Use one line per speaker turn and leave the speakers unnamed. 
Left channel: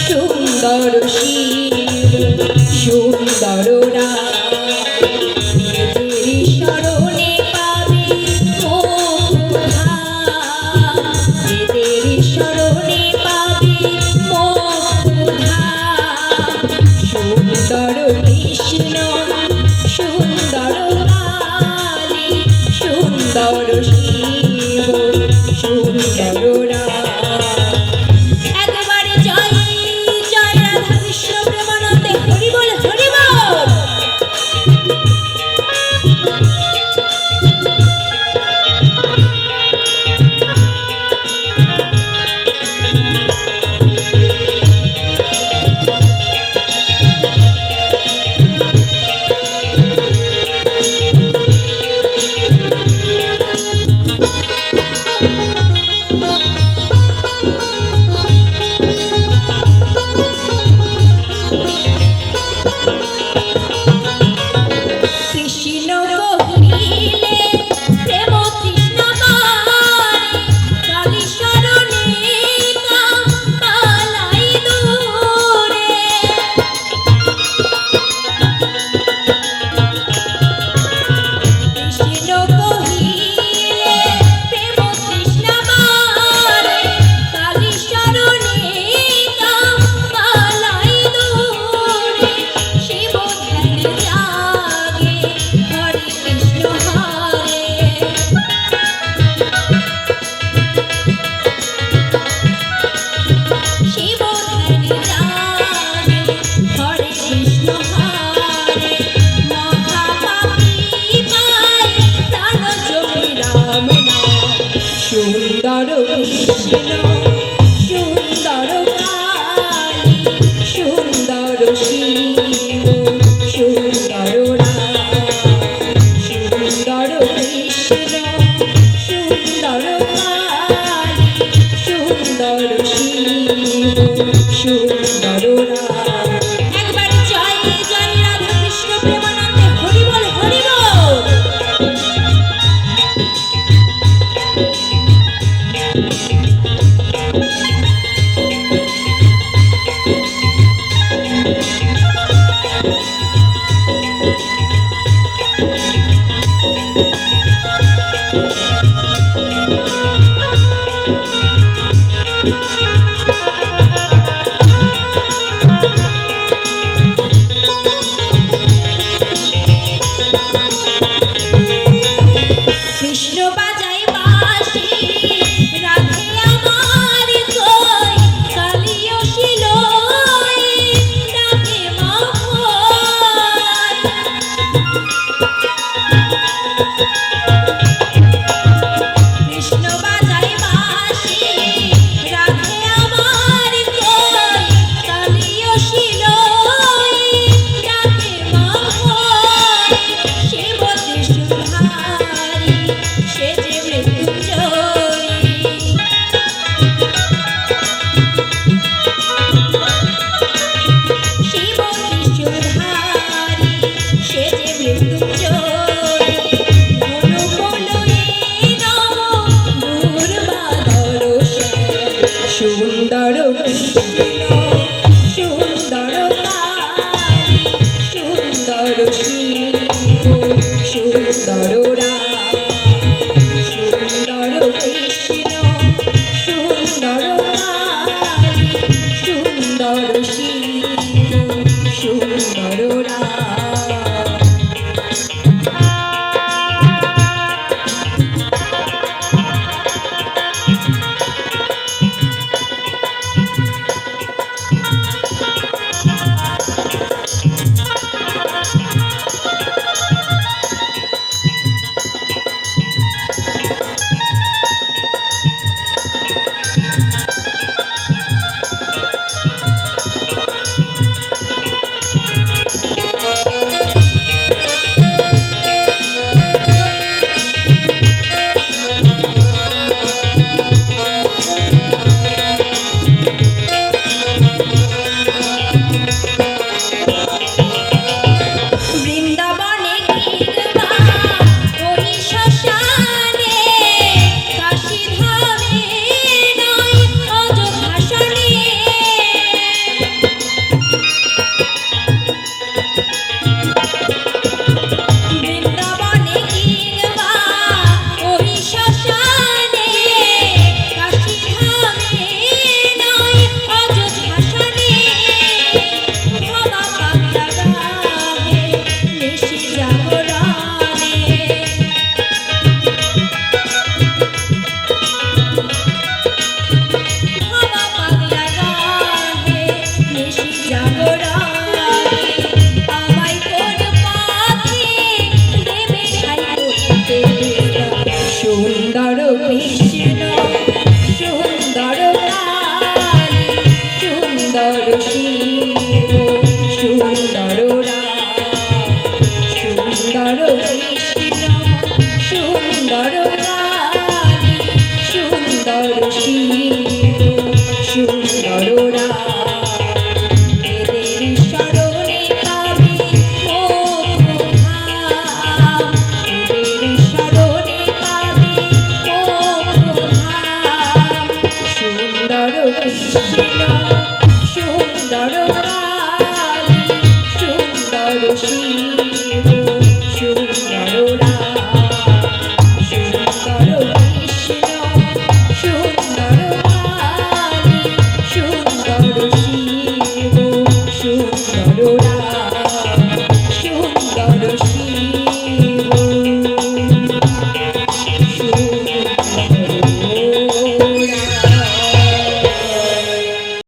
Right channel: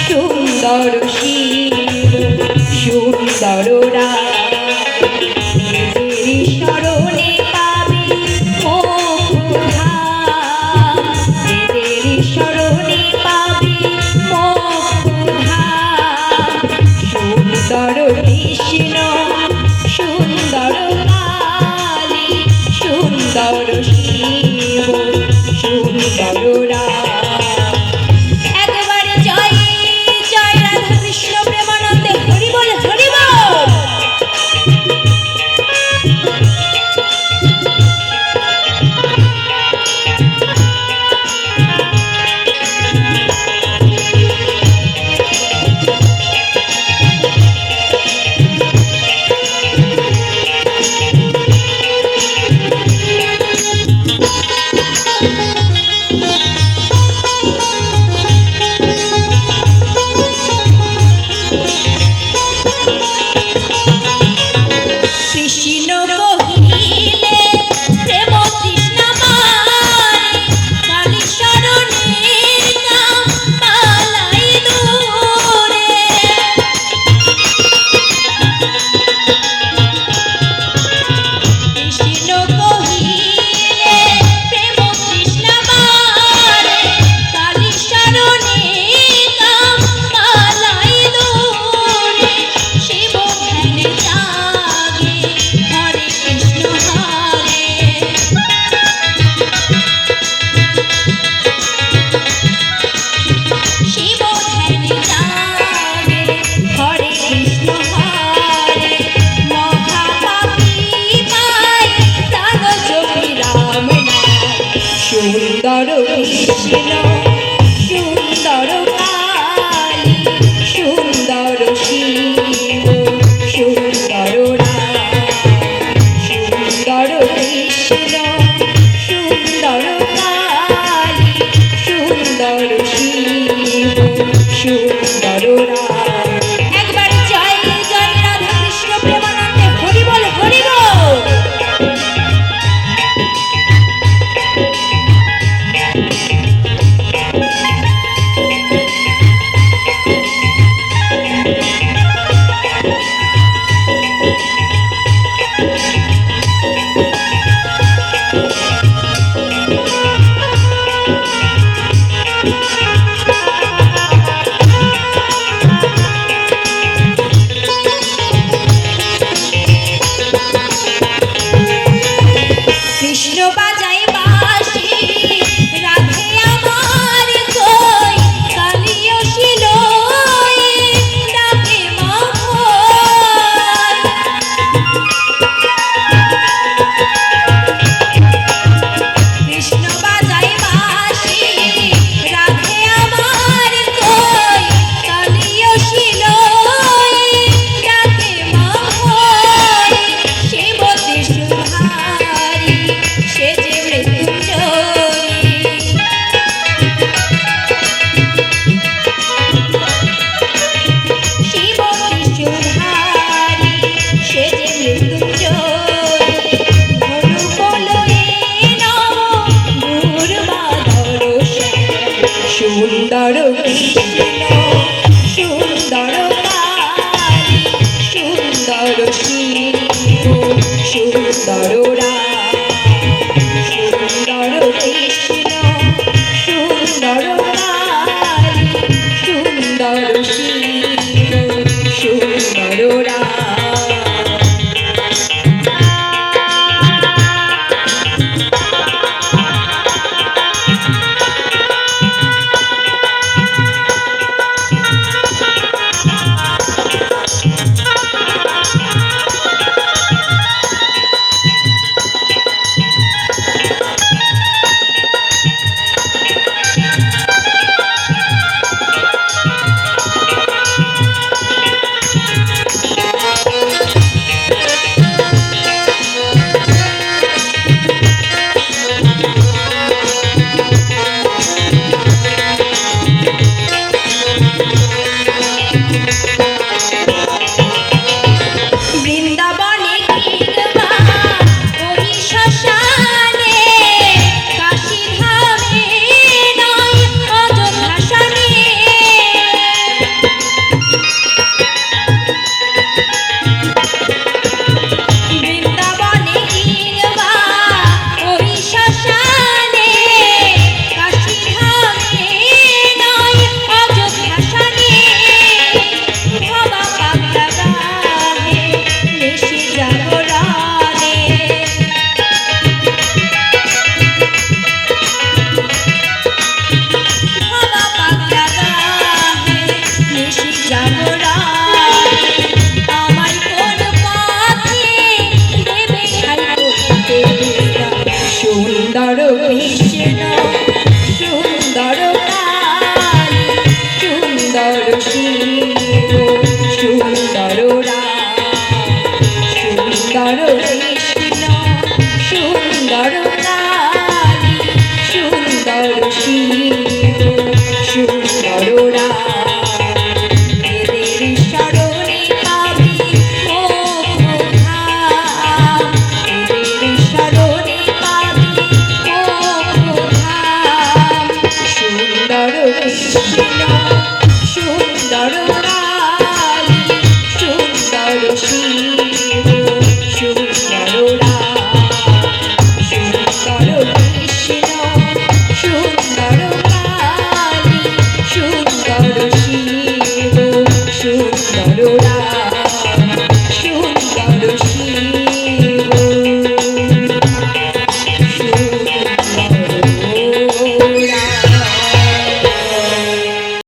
সুন্দর শিব সুন্দর রাম সুন্দর রাম সুন্দর শিব